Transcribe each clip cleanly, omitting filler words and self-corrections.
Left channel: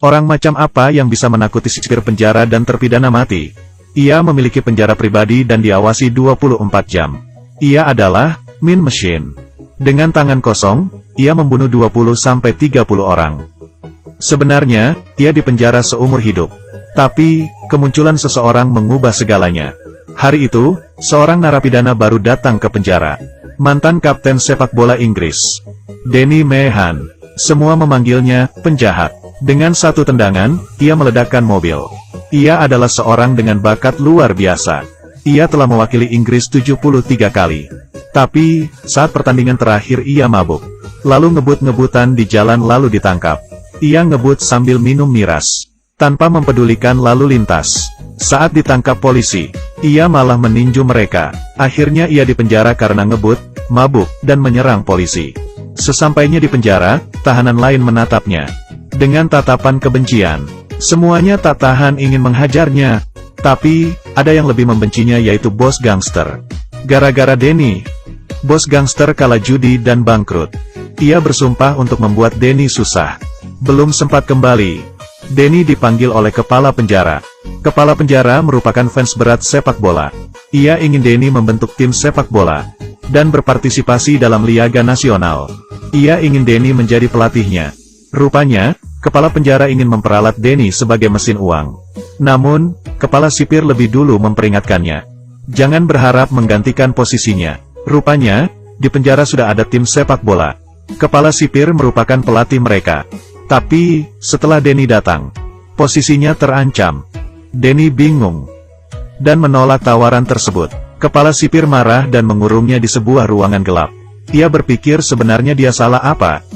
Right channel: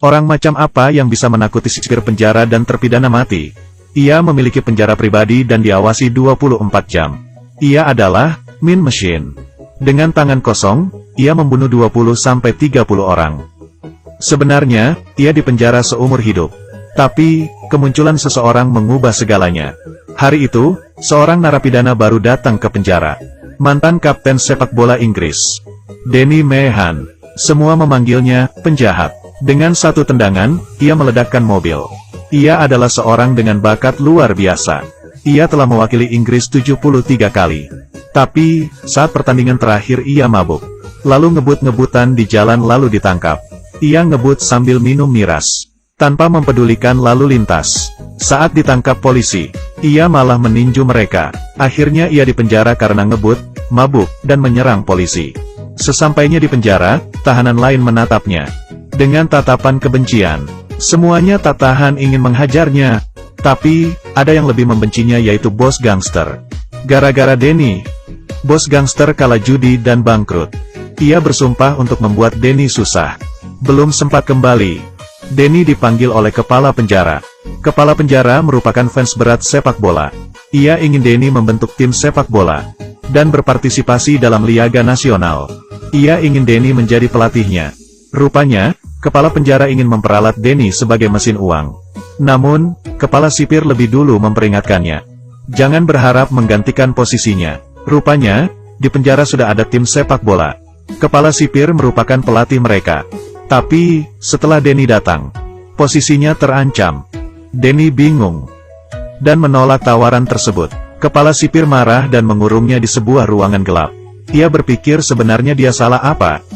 Orang macam apa yang bisa menakuti sipir penjara dan terpidana mati? Ia memiliki penjara pribadi dan diawasi 24 jam. Ia adalah Mean Machine. Dengan tangan kosong, ia membunuh 20-30 orang. Sebenarnya, ia dipenjara seumur hidup. Tapi, kemunculan seseorang mengubah segalanya. Hari itu, seorang narapidana baru datang ke penjara. Mantan kapten sepak bola Inggris, Danny Meehan. Semua memanggilnya penjahat. Dengan satu tendangan, ia meledakkan mobil. Ia adalah seorang dengan bakat luar biasa. Ia telah mewakili Inggris 73 kali. Tapi, saat pertandingan terakhir ia mabuk. Lalu ngebut-ngebutan di jalan lalu ditangkap. Ia ngebut sambil minum miras. Tanpa mempedulikan lalu lintas. Saat ditangkap polisi, ia malah meninju mereka. Akhirnya ia dipenjara karena ngebut, mabuk, dan menyerang polisi. Sesampainya di penjara, tahanan lain menatapnya. Dengan tatapan kebencian. Semuanya tak tahan ingin menghajarnya. Tapi, ada yang lebih membencinya yaitu bos gangster. Gara-gara Danny, bos gangster kalah judi dan bangkrut. Ia bersumpah untuk membuat Danny susah. Belum sempat kembali, Danny dipanggil oleh kepala penjara. Kepala penjara merupakan fans berat sepak bola. Ia ingin Danny membentuk tim sepak bola dan berpartisipasi dalam Liga Nasional. Ia ingin Danny menjadi pelatihnya. Rupanya, kepala penjara ingin memperalat Danny sebagai mesin uang. Namun, kepala sipir lebih dulu memperingatkannya. Jangan berharap menggantikan posisinya. Rupanya, di penjara sudah ada tim sepak bola. Kepala sipir merupakan pelatih mereka. Tapi, setelah Danny datang, posisinya terancam. Danny bingung dan menolak tawaran tersebut. Kepala sipir marah dan mengurungnya di sebuah ruangan gelap. Ia berpikir sebenarnya dia salah apa.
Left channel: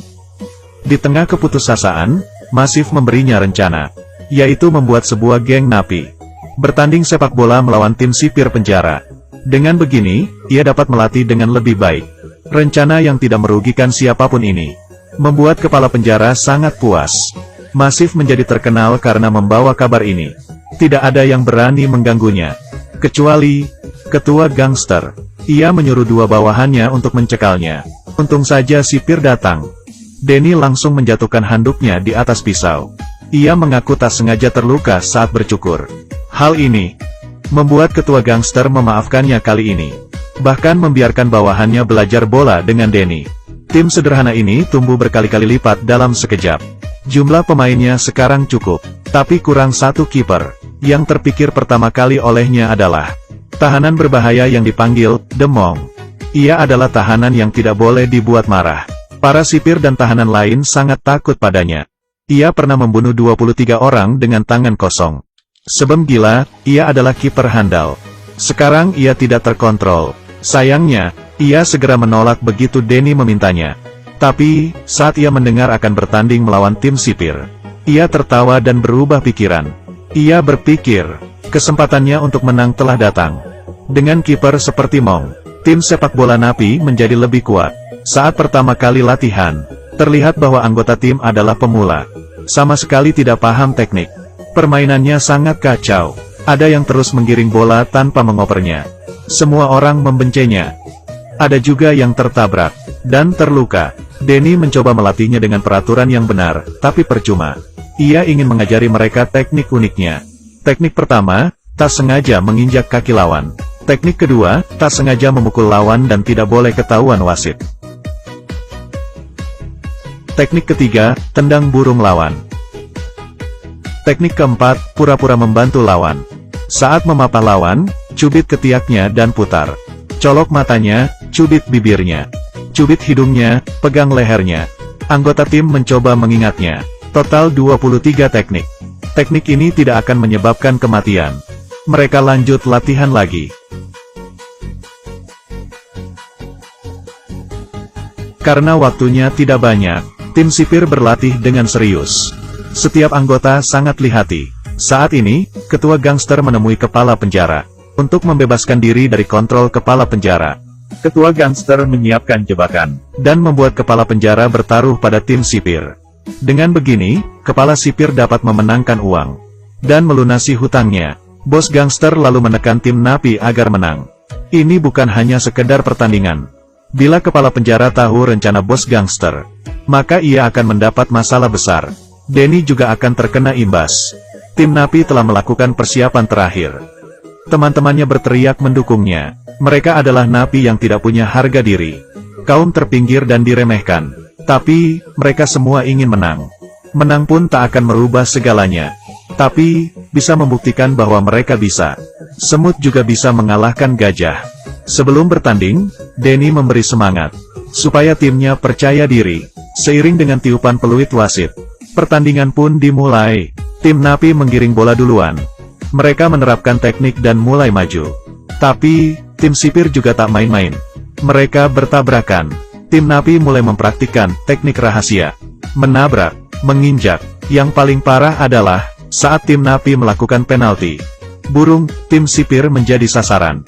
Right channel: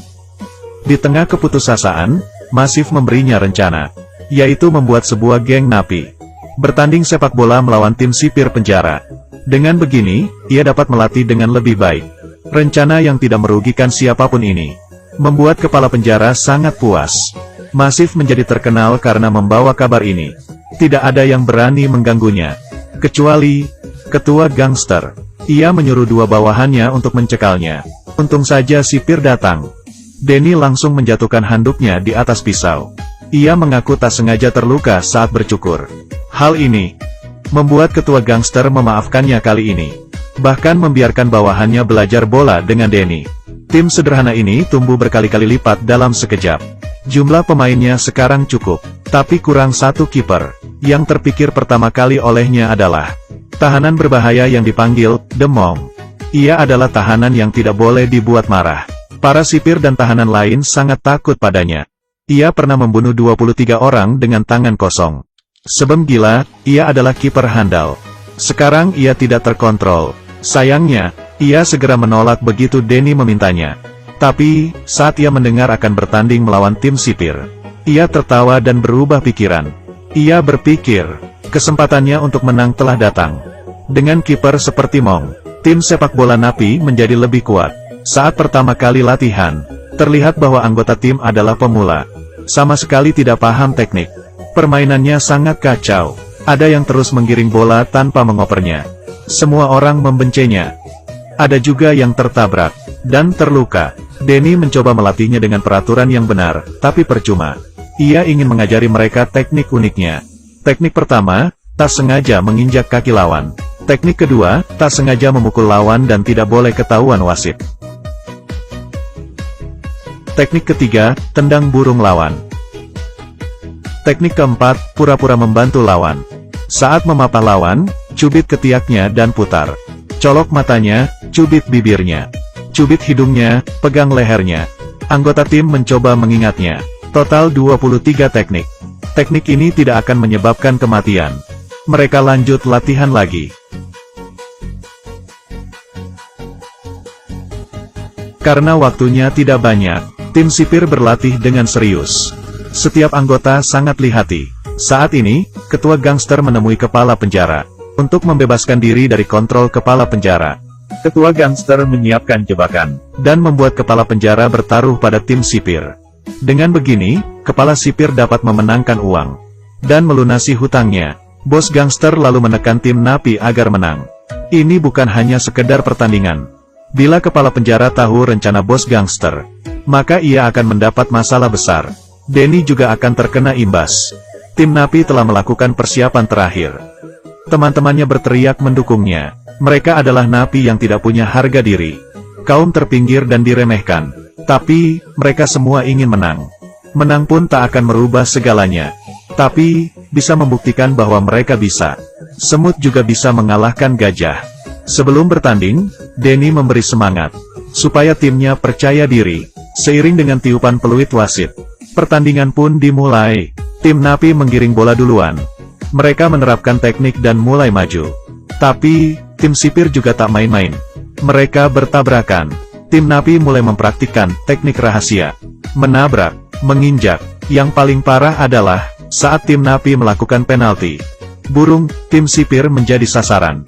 Di tengah keputusasaan, Masif memberinya rencana, yaitu membuat sebuah geng napi. Bertanding sepak bola melawan tim sipir penjara. Dengan begini, ia dapat melatih dengan lebih baik. Rencana yang tidak merugikan siapapun ini membuat kepala penjara sangat puas. Masif menjadi terkenal karena membawa kabar ini. Tidak ada yang berani mengganggunya, kecuali ketua gangster. Ia menyuruh dua bawahannya untuk mencekalnya. Untung saja sipir datang. Danny langsung menjatuhkan handuknya di atas pisau. Ia mengaku tak sengaja terluka saat bercukur. Hal ini membuat ketua gangster memaafkannya kali ini. Bahkan membiarkan bawahannya belajar bola dengan Danny. Tim sederhana ini tumbuh berkali-kali lipat dalam sekejap. Jumlah pemainnya sekarang cukup, tapi kurang satu kiper. Yang terpikir pertama kali olehnya adalah tahanan berbahaya yang dipanggil The Monk. Ia adalah tahanan yang tidak boleh dibuat marah. Para sipir dan tahanan lain sangat takut padanya. Ia pernah membunuh 23 orang dengan tangan kosong. Sebem gila, ia adalah kiper handal. Sekarang ia tidak terkontrol. Sayangnya, ia segera menolak begitu Danny memintanya. Tapi, saat ia mendengar akan bertanding melawan tim sipir, ia tertawa dan berubah pikiran. Ia berpikir, kesempatannya untuk menang telah datang. Dengan kiper seperti Monk, tim sepak bola napi menjadi lebih kuat. Saat pertama kali latihan, terlihat bahwa anggota tim adalah pemula. Sama sekali tidak paham teknik. Permainannya sangat kacau. Ada yang terus menggiring bola tanpa mengopernya. Semua orang membencinya. Ada juga yang tertabrak dan terluka. Danny mencoba melatihnya dengan peraturan yang benar, tapi percuma. Ia ingin mengajari mereka teknik uniknya. Teknik pertama, tak sengaja menginjak kaki lawan. Teknik kedua, tak sengaja memukul lawan dan tidak boleh ketahuan wasit. Teknik ketiga, tendang burung lawan. Teknik keempat, pura-pura membantu lawan. Saat memapah lawan, cubit ketiaknya dan putar. Colok matanya, cubit bibirnya. Cubit hidungnya, pegang lehernya. Anggota tim mencoba mengingatnya. Total 23 teknik. Teknik ini tidak akan menyebabkan kematian. Mereka lanjut latihan lagi. Karena waktunya tidak banyak, tim sipir berlatih dengan serius. Setiap anggota sangat lihati. Saat ini, ketua gangster menemui kepala penjara untuk membebaskan diri dari kontrol kepala penjara. Ketua gangster menyiapkan jebakan dan membuat kepala penjara bertaruh pada tim sipir. Dengan begini, kepala sipir dapat memenangkan uang dan melunasi hutangnya. Bos gangster lalu menekan tim napi agar menang. Ini bukan hanya sekedar pertandingan. Bila kepala penjara tahu rencana bos gangster, maka ia akan mendapat masalah besar. Denny juga akan terkena imbas. Tim Napi telah melakukan persiapan terakhir. Teman-temannya berteriak mendukungnya. Mereka adalah napi yang tidak punya harga diri. Kaum terpinggir dan diremehkan. Tapi, mereka semua ingin menang. Menang pun tak akan merubah segalanya. Tapi, bisa membuktikan bahwa mereka bisa. Semut juga bisa mengalahkan gajah. Sebelum bertanding, Denny memberi semangat. Supaya timnya percaya diri. Seiring dengan tiupan peluit wasit. Pertandingan pun dimulai. Tim Napi menggiring bola duluan. Mereka menerapkan teknik dan mulai maju. Tapi, tim sipir juga tak main-main. Mereka bertabrakan. Tim Napi mulai mempraktikkan teknik rahasia. Menabrak, menginjak. Yang paling parah adalah saat tim Napi melakukan penalti. Burung tim sipir menjadi sasaran.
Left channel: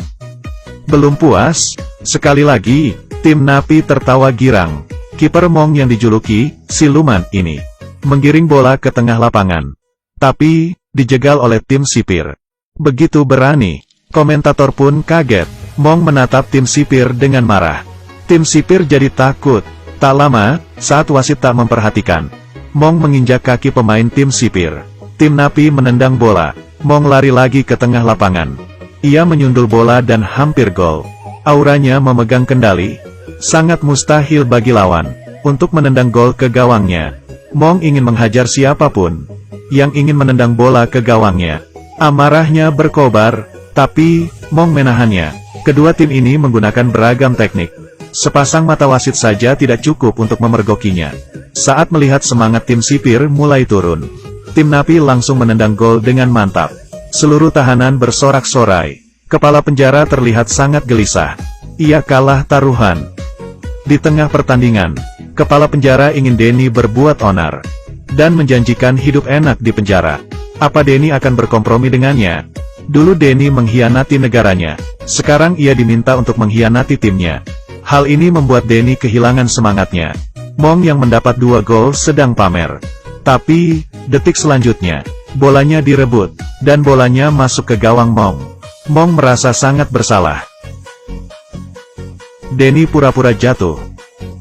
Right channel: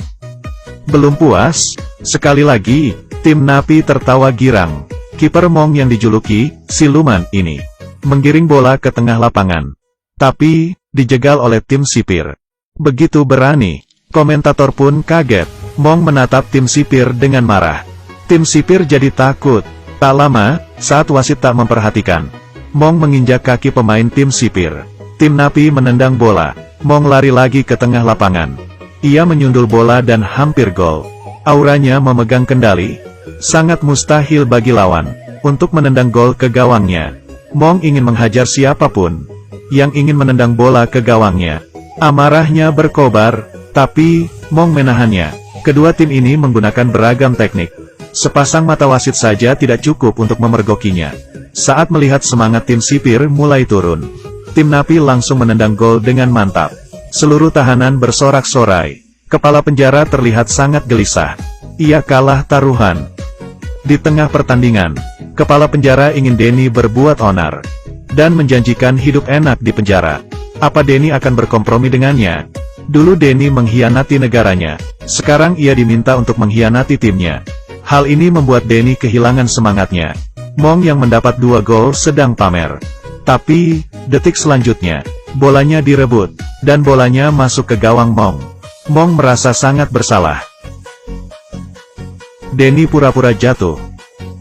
Belum puas, sekali lagi, tim Napi tertawa girang. Kiper Mong yang dijuluki siluman ini menggiring bola ke tengah lapangan. Tapi, dijegal oleh tim sipir. Begitu berani, komentator pun kaget. Mong menatap tim sipir dengan marah. Tim sipir jadi takut. Tak lama, saat wasit tak memperhatikan, Mong menginjak kaki pemain tim sipir. Tim Napi menendang bola. Mong lari lagi ke tengah lapangan. Ia menyundul bola dan hampir gol. Auranya memegang kendali. Sangat mustahil bagi lawan untuk menendang gol ke gawangnya. Mong ingin menghajar siapapun yang ingin menendang bola ke gawangnya. Amarahnya berkobar, tapi Mong menahannya. Kedua tim ini menggunakan beragam teknik. Sepasang mata wasit saja tidak cukup untuk memergokinya. Saat melihat semangat tim sipir mulai turun, tim Napi langsung menendang gol dengan mantap. Seluruh tahanan bersorak-sorai. Kepala penjara terlihat sangat gelisah. Ia kalah taruhan. Di tengah pertandingan, kepala penjara ingin Denny berbuat onar dan menjanjikan hidup enak di penjara. Apa Denny akan berkompromi dengannya? Dulu Denny mengkhianati negaranya. Sekarang ia diminta untuk mengkhianati timnya. Hal ini membuat Denny kehilangan semangatnya. Mong yang mendapat 2 gol sedang pamer. Tapi, detik selanjutnya, bolanya direbut, dan bolanya masuk ke gawang Mong. Mong merasa sangat bersalah. Denny pura-pura jatuh.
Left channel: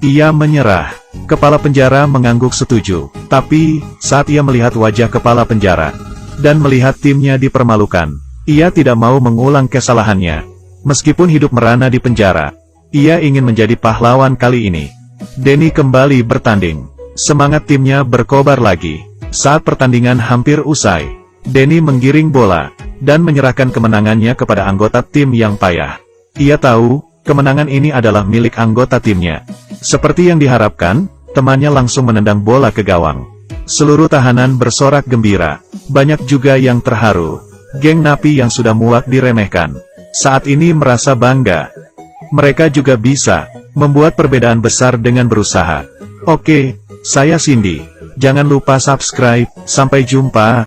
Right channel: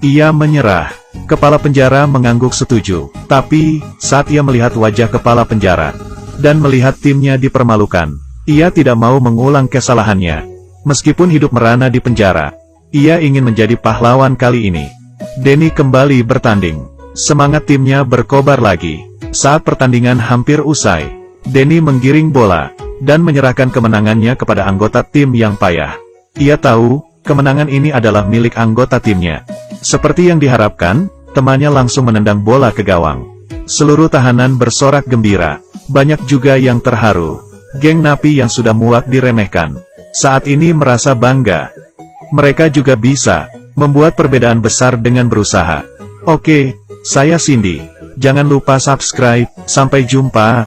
Ia menyerah. Kepala penjara mengangguk setuju. Tapi, saat ia melihat wajah kepala penjara, dan melihat timnya dipermalukan, ia tidak mau mengulang kesalahannya. Meskipun hidup merana di penjara, ia ingin menjadi pahlawan kali ini. Denny kembali bertanding. Semangat timnya berkobar lagi. Saat pertandingan hampir usai, Denny menggiring bola, dan menyerahkan kemenangannya kepada anggota tim yang payah. Ia tahu, kemenangan ini adalah milik anggota timnya. Seperti yang diharapkan, temannya langsung menendang bola ke gawang. Seluruh tahanan bersorak gembira. Banyak juga yang terharu. Geng Napi yang sudah muak diremehkan, saat ini merasa bangga. Mereka juga bisa membuat perbedaan besar dengan berusaha. Oke, saya Cindy. Jangan lupa subscribe. Sampai jumpa.